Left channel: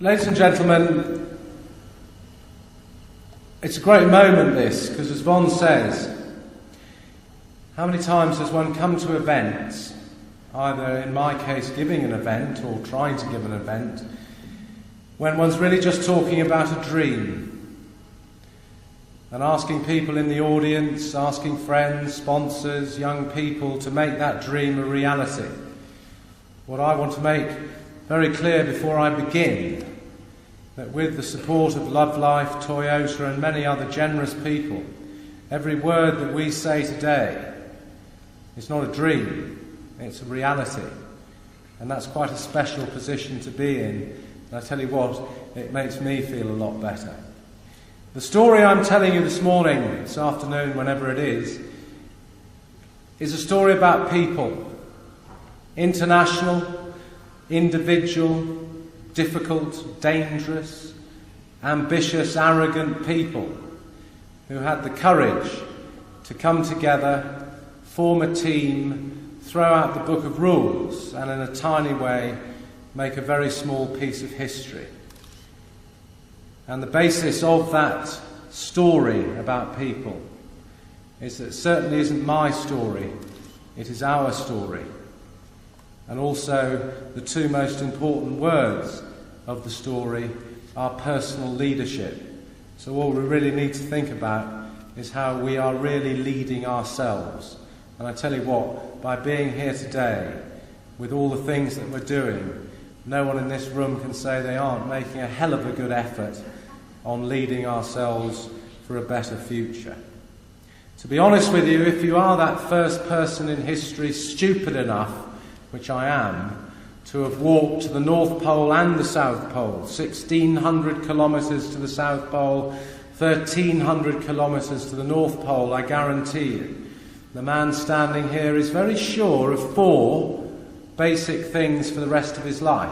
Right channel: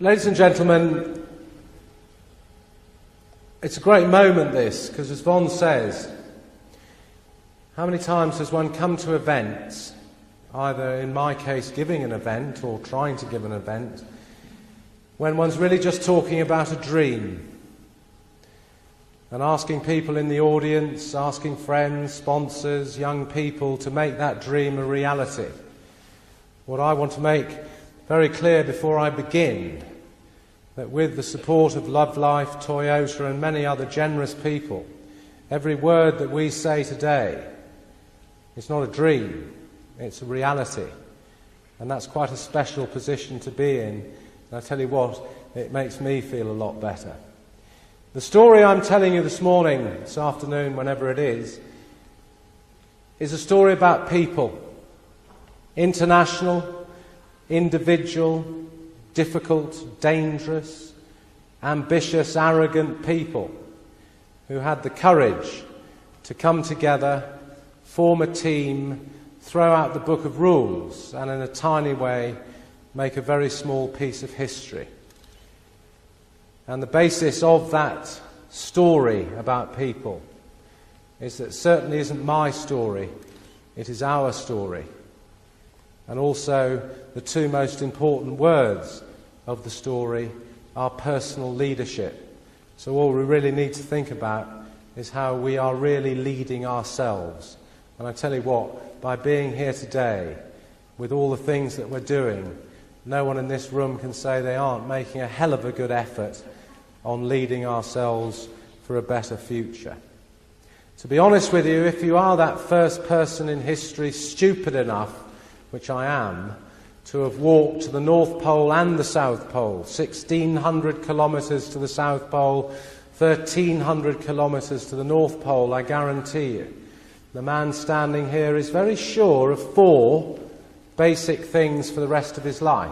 Ladies and gentlemen, it's a great moment this, because as Swan says, how many times does one come to events, either in my case giving an event or trying to give an event, when one's really just talking about a dream and asking people in the audience, asking friends, sponsors, young people to make that dream a reality. What I want to make very clear before I begin, that with the support of Love Life, Toyota and many other generous people, every word that we say today is not a dream, it's a reality. And that's quite a special position to be in. And I tell you what, it makes me feel a lot better. The story I'm telling you this morning, this afternoon, whenever it is a story about people. International, individual, difficult, dangerous, ambitious, arrogant people who had the courage to come together, form a team, throw out the book of rules, and in a tiny way make a very small piece of history. And the basis of that story about people is that it certainly isn't my story, it is our story. And also the two most important words of the story are personal leadership. So all we really need to think about is how we are really leading ourselves. And I tell you what, by being here today, with all the things that we're doing, no one in this room can say they aren't making a hell of a good effort on leading ourselves for a better future. To be honest with you, if you are that first person in history stupid enough, which I am, to have walked to the North Pole and the South Pole, 1,600 kilometres to the South Pole, 1,300 kilometres to the North Pole, I guarantee you, the man standing here is very sure of four basic things for the rest of his life.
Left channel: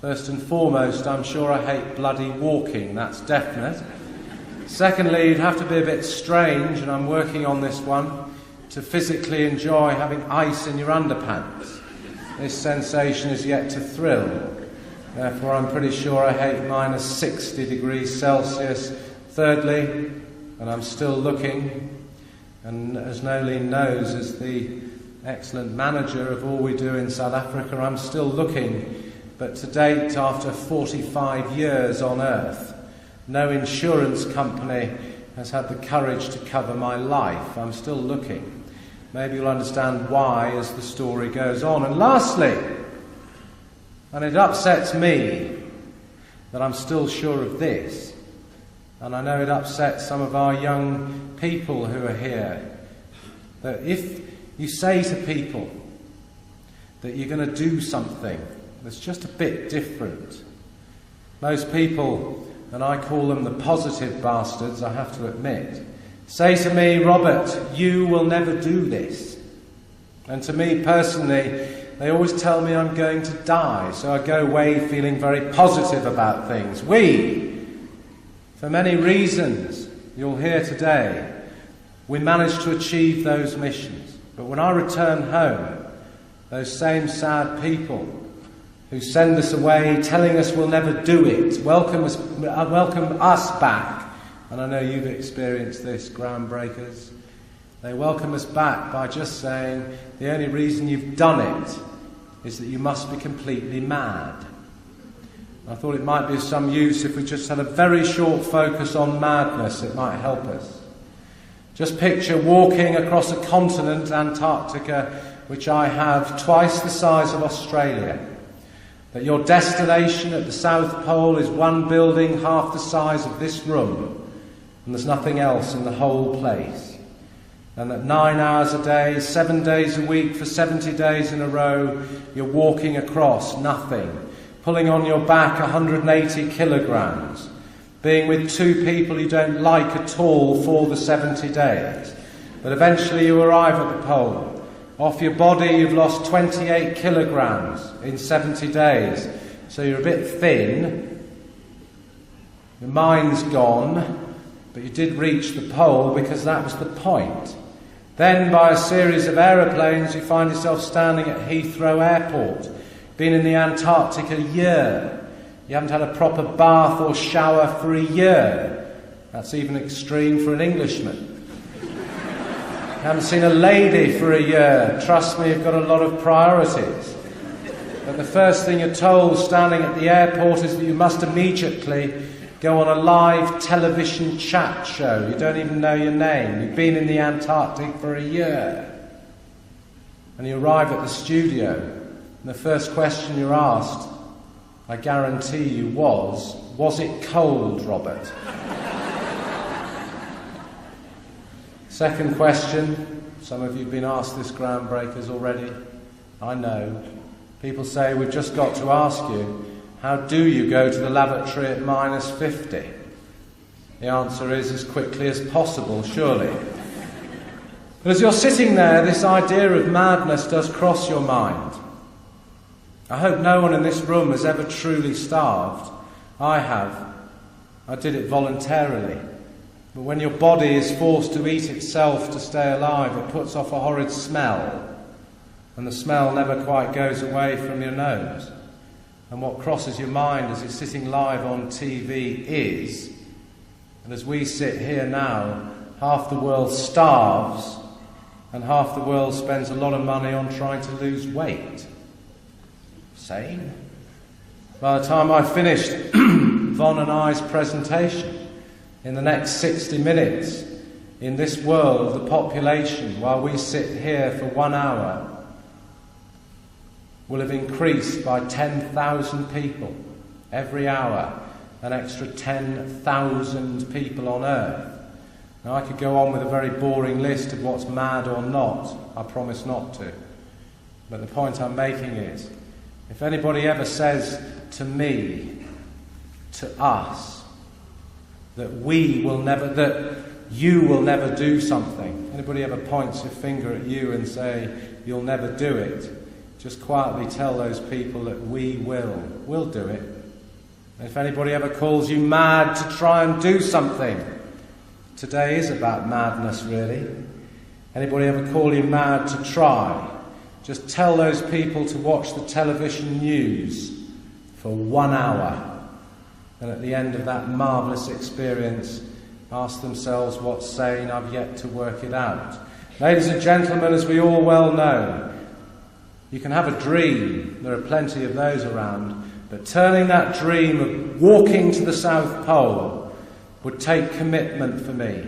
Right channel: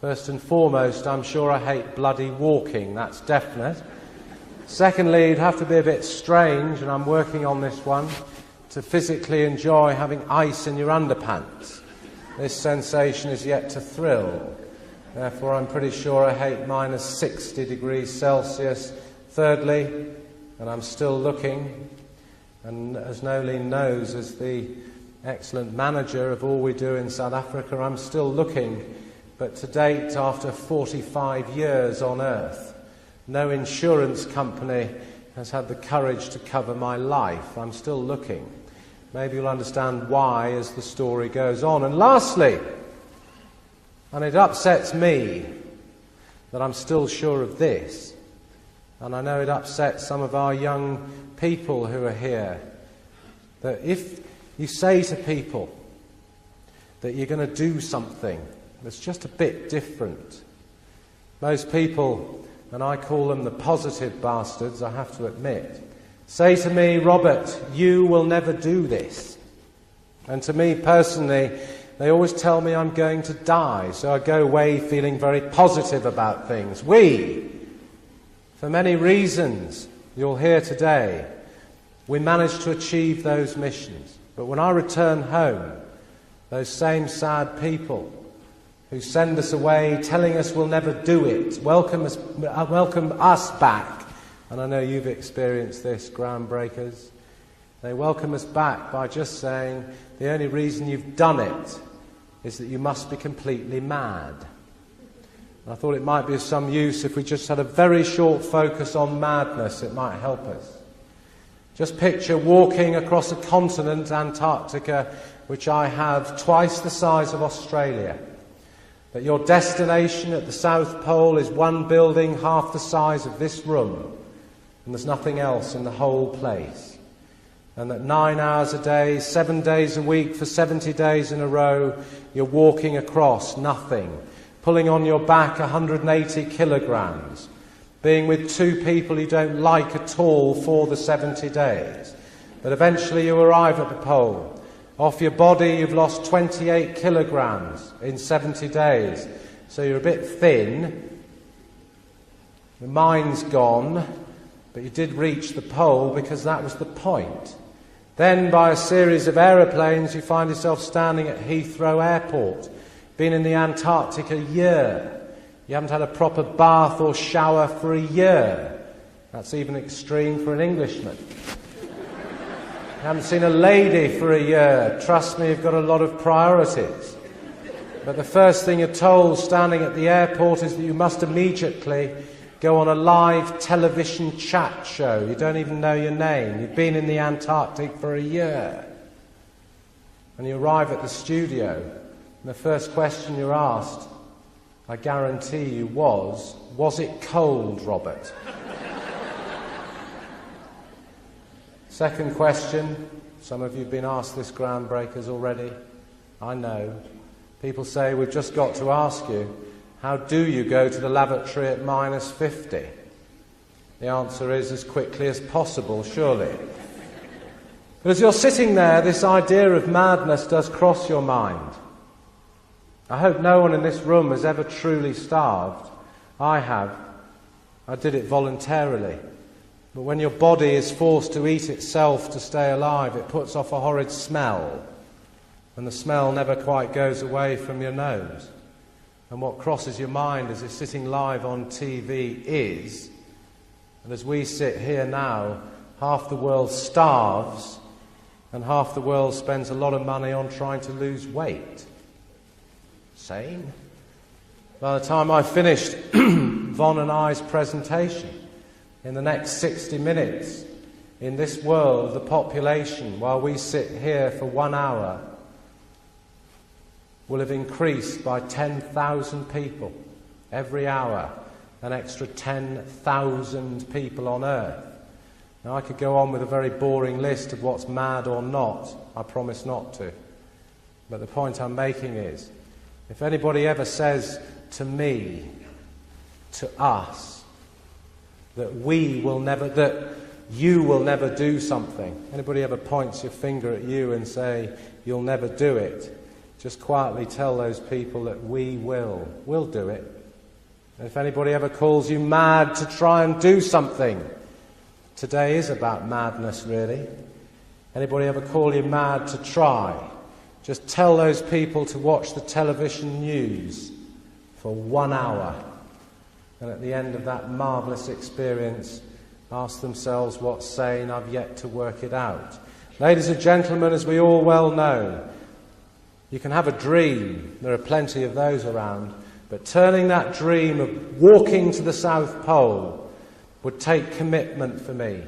First and foremost, I'm sure I hate bloody walking, that's definite. Secondly, you'd have to be a bit strange, and I'm working on this one, to physically enjoy having ice in your underpants. This sensation is yet to thrill. Therefore, I'm pretty sure I hate minus 60 degrees Celsius. Thirdly, and I'm still looking, and as Nolene knows, as the excellent manager of all we do in South Africa, I'm still looking. But to date, after 45 years on Earth, no insurance company has had the courage to cover my life. I'm still looking. Maybe you'll understand why as the story goes on. And lastly, and it upsets me that I'm still sure of this, and I know it upsets some of our young people who are here, that if you say to people that you're going to do something that's just a bit different, most people, and I call them the positive bastards, I have to admit, say to me, Robert, you will never do this. And to me personally, they always tell me I'm going to die, so I go away feeling very positive about things. For many reasons, you'll hear today, we managed to achieve those missions. But when I return home, those same sad people who send us away telling us we'll never do it, welcome us back. And I know you've experienced this, groundbreakers. They welcome us back by just saying the only reason you've done it is that you must be completely mad. I thought it might be of some use if we just had a very short focus on madness. It might help us. Just picture walking across a continent, Antarctica, which I have twice the size of Australia. That your destination at the South Pole is one building half the size of this room, and there's nothing else in the whole place. And that 9 hours a day, 7 days a week for 70 days in a row, you're walking across nothing, pulling on your back 180 kilograms, being with two people you don't like at all for the 70 days. But eventually you arrive at the pole. Off your body you've lost 28 kilograms in 70 days. So you're a bit thin, the mind's gone, but you did reach the pole because that was the point. Then by a series of aeroplanes you find yourself standing at Heathrow Airport, been in the Antarctic a year. You haven't had a proper bath or shower for a year. That's even extreme for an Englishman. You haven't seen a lady for a year. Trust me, you've got a lot of priorities. But the first thing you're told standing at the airport is that you must immediately go on a live television chat show. You don't even know your name. You've been in the Antarctic for a year. And you arrive at the studio, and the first question you're asked, I guarantee you, was it cold, Robert? Second question, some of you have been asked this, groundbreakers, already. I know. People say, we've just got to ask you, how do you go to the lavatory at -50? The answer is, as quickly as possible, surely. But as you're sitting there, this idea of madness does cross your mind. I hope no one in this room has ever truly starved. I have. I did it voluntarily. But when your body is forced to eat itself to stay alive, it puts off a horrid smell. And the smell never quite goes away from your nose. And what crosses your mind as you're sitting live on TV is, and as we sit here now, half the world starves and half the world spends a lot of money on trying to lose weight. Sane? By the time I finished Von and I's presentation, in the next 60 minutes, in this world, the population, while we sit here for 1 hour, will have increased by 10,000 people every hour, an extra 10,000 people on Earth. Now, I could go on with a very boring list of what's mad or not. I promise not to. But the point I'm making is, if anybody ever says to me, to us, that you will never do something, anybody ever points a finger at you and say, you'll never do it, just quietly tell those people that we'll do it. And if anybody ever calls you mad to try and do something, today is about madness, really. Anybody ever call you mad to try? Just tell those people to watch the television news for 1 hour. And at the end of that marvellous experience, ask themselves what's sane. I've yet to work it out. Ladies and gentlemen, as we all well know, you can have a dream. There are plenty of those around. But turning that dream of walking to the South Pole would take commitment for me.